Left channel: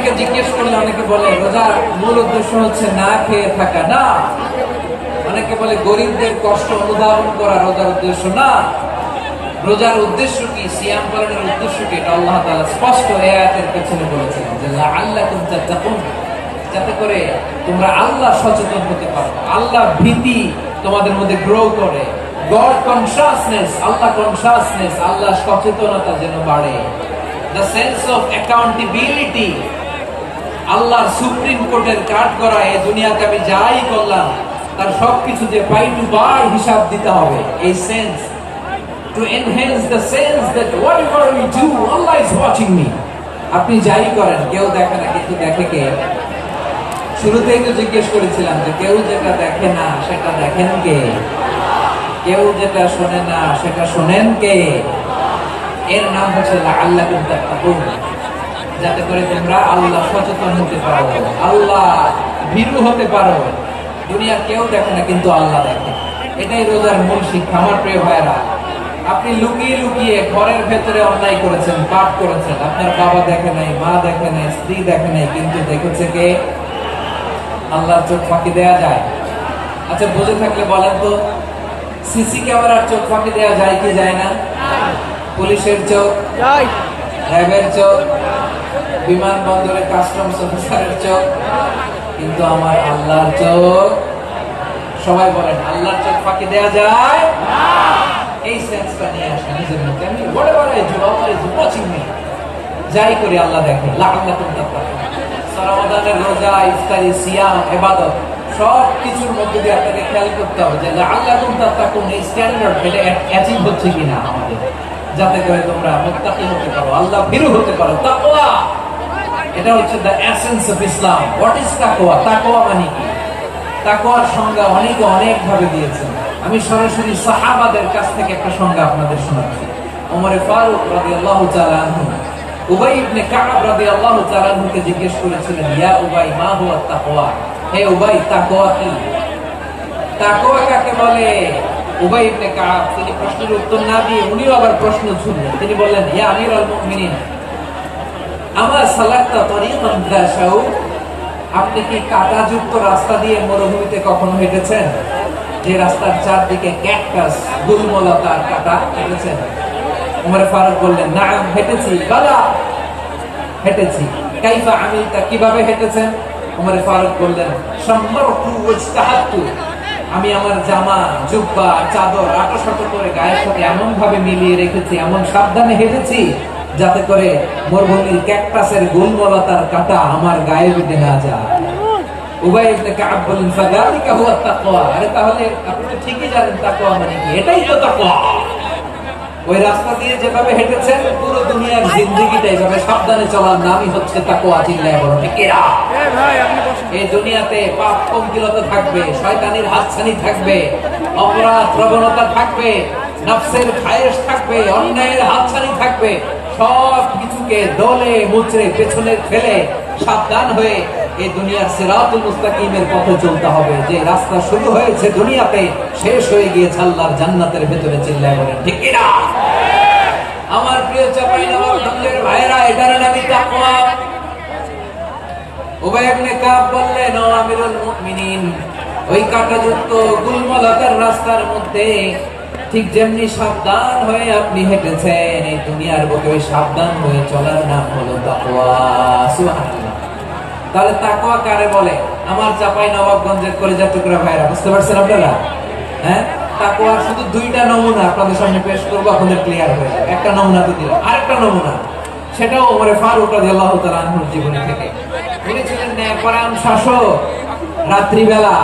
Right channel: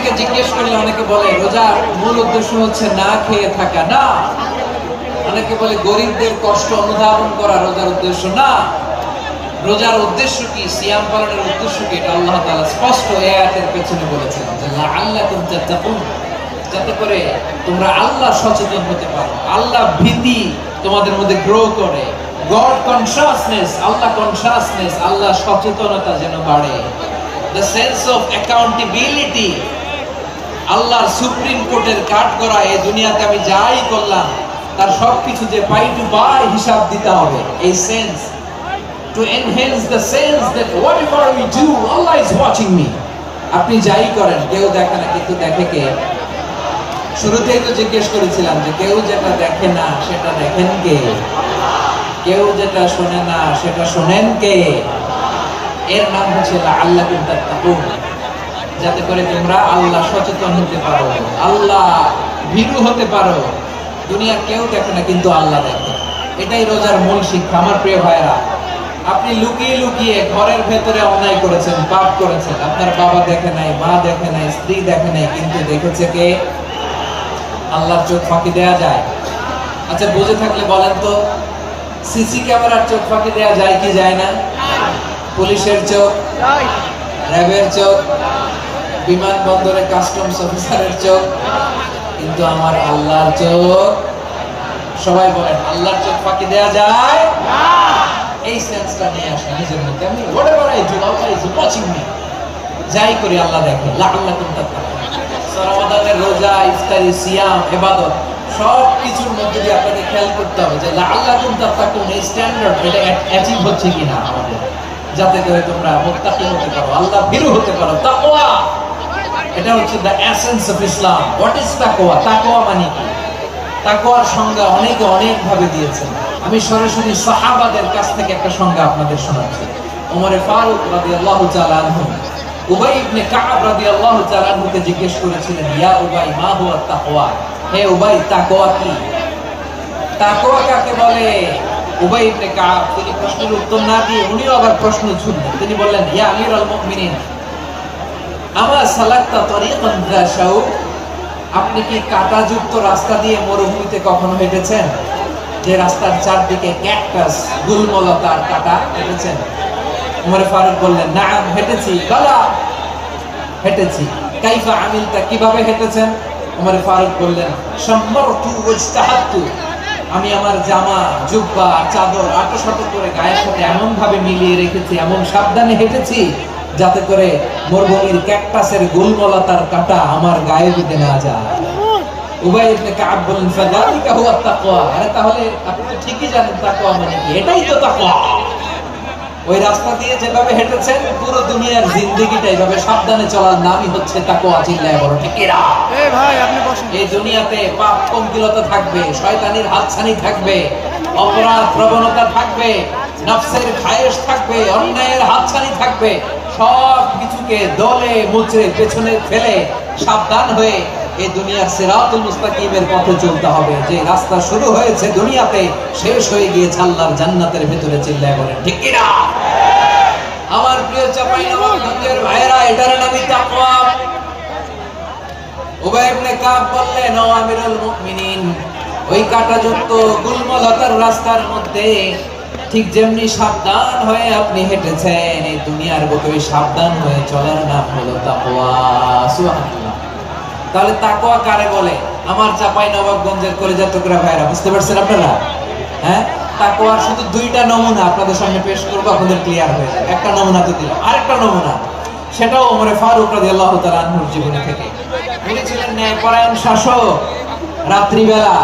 অনেকে জিজ্ঞেস করলে অনেকে বলে রোজার মূল উদ্দেশ্য হচ্ছে না খেয়ে থাকা। না, অনেকে বলে গরিবদের কষ্ট অনুধাবন করা রোজার উদ্দেশ্য। না, রোজার উদ্দেশ্য কি, সিয়াম পালনের উদ্দেশ্য কি, এটা আল্লাহ তাআলা স্পষ্ট এই আয়াতের পেছনে বলেছেন যে লাআল্লাকুম তাত্তাকুন, যাতে করে তোমরা আল্লাহ সচেতন হতে পারো, আল্লাহ ভীতি তোমাদের মধ্যে গ্রো করে, গড কনশাসনেস, আল্লাহ কনশাসনেস, আল্লাহ সচেতনতা যেন বাড়ে, দ্য সেন্স অফ অ্যাকাউন্টেবিলিটি, আল্লাহর সুপ্রিম কোর্টের কাঠগড়া এই দুনিয়াতে আমি যাই করলাম তার সবকিছু যে পাই টু পাই হিসাব দিতে হবে, এই sense, to enhance the sense that whatever we do, Allah is watching me. আপনি যাই করেন কেউ দেখে না, কিন্তু দেখে কে? শুরুতেই তো জিজ্ঞেস করেছিলাম যে কেউ যেটা দেখে না সেটা দেখেন কে? কেউ যেটা শোনে না সেটা শোনেন কে? এর নাম হচ্ছে লাআল্লাকুম তাত্তাকুন, যাতে করে তোমরা আল্লাহ সচেতন হতে পারো, আল্লাহ ভীরু হতে পারো। দুনিয়া কেউ দেখে না, কিন্তু আল্লাহ দেখে। এটাই রোজার মূল শিক্ষা। আমার প্রিয় ভাইরা, আপনি লুকিয়ে লুকিয়ে ঘরের ভেতরে অন্যায় করেছেন, পাপ করেছেন, আপনার বাবা দেখে নাই, মা দেখে নাই, স্ত্রী দেখে নাই, কিন্তু দেখেছে কে? আল্লাহর চোখ ফাঁকি দেয়া যায়? আচ্ছা, বুঝে থাকলে বলেন তো, সিসি ক্যামেরার চোখ ফাঁকি দেয়া যায় কি যায় না? পুলিশের চোখ, র্যাবের চোখ, বিমানবন্দরে কাস্টমস অফিসারের চোখ, কিন্তু আমার আল্লাহর চোখ? সবাই বলেন, আল্লাহর চোখ ফাঁকি দেয়া যায়? এই সেন্সটা নিয়ে আসেন নিজের মধ্যে। আমি whatever I do, Allah is watching me. যাই করি আল্লাহ দেখে। লাআল্লাকুম তাত্তাকুন। রমাদানের রোজা, ইফতারি, সিয়াম, ইবাদত সব কিছুর মধ্যে দিয়ে আপনাকে খেয়াল করতে হবে যে লাআল্লাকুম তাত্তাকুন এই স্ট্যান্ডার্ড এটা অ্যাচিভ হচ্ছে কিনা আমাদের, যাতে করে তোমরা মুত্তাকি হতে পারো, আল্লাহ ভীরু হতে পারো। তাকওয়া, এটা হচ্ছে the essence of Islam. What is তাকওয়া? তাকওয়া মানে কি? তাকওয়ার সংজ্ঞা অনেকে অনেক ভাবে দিয়েছেন। আমি সরাসরি সাহাবাদের কাছ থেকে একটা সংজ্ঞা আপনাদের শোনাচ্ছি। ওমর ফারুক রাদিয়াল্লাহু তাআলা আনহু উবাই ইবনে কাব রাদিয়াল্লাহু তাআলা আনহুকে জিজ্ঞেস করেছিলেন, ইয়া উবাই মা হুয়া তাকওয়া? হে উবাই, তাকওয়া কি? তাকওয়া কাকে বলে? উবাই ইবনে কাব তিনি প্রশ্নের উত্তর না দিয়ে উনিও আবার প্রশ্ন ছুড়লেন। তিনি বললেন, ইয়া আমিরুল মুমিনিন, আমা সালাকতা তরিকান যা শাউক? আপনি কি কাঁটাযুক্ত রাস্তা দিয়ে মরুভূমিতে কখনো হেঁটেছেন? যে রাস্তার চারদিকে ক্যাকটাস, গুলমলতা আর কাঁটা, হেঁটেছেন? ওমর ফারুক বললেন, নাম, হেঁটেছি। বালা, হেঁটেছি। কাইফা আমিলতা, কিভাবে হেঁটেছেন? ওমর ফারুক বললেন, শাম্মারতু ওয়াজতাহাতু, আমি আমার জামা, জুব্বা, চাদর আঁটো করে গায়ের সাথে এমন ভাবে মিলিয়ে রেখেছি, এমন সাবধানে হেঁটেছি যাতে করে মরুভূমির ক্যাকটাসের গুলমলতার কাঁটা আমার গায়ে বিঁধে না যায়। উবাই ইবনে কাব বলেন, ফাযালিকা হুয়া তাকওয়া। আরে তাহলে আপনি তো ঠিকই জানেন তাকওয়া মানে কি, এটাই তো তাকওয়া। ওই রাস্তা দিয়ে যেভাবে হেঁটেছেন পুরো দুনিয়ার জিন্দেগিটা এইভাবে সাবধানে চলার নামই হচ্ছে তাকওয়া। চিল্লায় বলো ঠিক কিনা? ভাই আপনি বসেন। এই দুনিয়াতে পাপ পঙ্কিলতা থাকবে, শয়তানির হাতছানি থাকবে, অপরাধ প্রবণতা থাকবে, নফসের খায়েশ থাকবে, অন্যায়ের হাতছানি থাকবে। সব কিছুকে দলে মুচড়ে পেছনে ফেলে সাবধান হয়ে এই দুনিয়ার সিরাতুল মুস্তাকিমের পথে চলতে হবে। যে রাস্তা শুরু হয়েছে দুনিয়াতে, শেষ হয়ে গিয়েছে আল্লাহর জান্নাতের ভেতরে। চিল্লায় বলেন ঠিক কিনা? আমার প্রিয় চাঁপাইনবাবগঞ্জের ভাইরা, এটার নামই তাকওয়া। উবাই ইবনে কাব বললেন, ও আমিরুল মুমিনিন, ওই কাঁটাযুক্ত গুলমলতার রাস্তার মধ্যে ঠিক যেমনি সাবধান হয়ে আপনি হেঁটেছেন, এই দুনিয়ার বুকে ওই সাবধান হয়ে চলার নাম হলো তাকওয়া। সুবহানাল্লাহ। তাহলে তাকওয়া কারে বলে? আমার চাঁপাইনবাবগঞ্জের কলিজার টুকরা ভাইরা, বুঝতে পারছেন আপনারা? হ্যাঁ, তাকওয়ার শুধু দুইটা নমুনা আপনাদের সামনে পেশ করবো, আপনাদের ক্লিয়ার হয়ে যাবে। একটা নমুনা তো দিলাম, আরেকটা নমুনা, সেটাও ওমর ফারুক রাদিয়াল্লাহু তাআলা আনহুর জীবন থেকে। উনি ছিলেন ন্যায়পরায়ণ শাসক। রাত্রিবেলা